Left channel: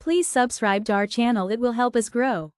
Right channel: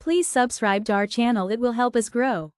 Please subscribe to our channel, it will help us grow.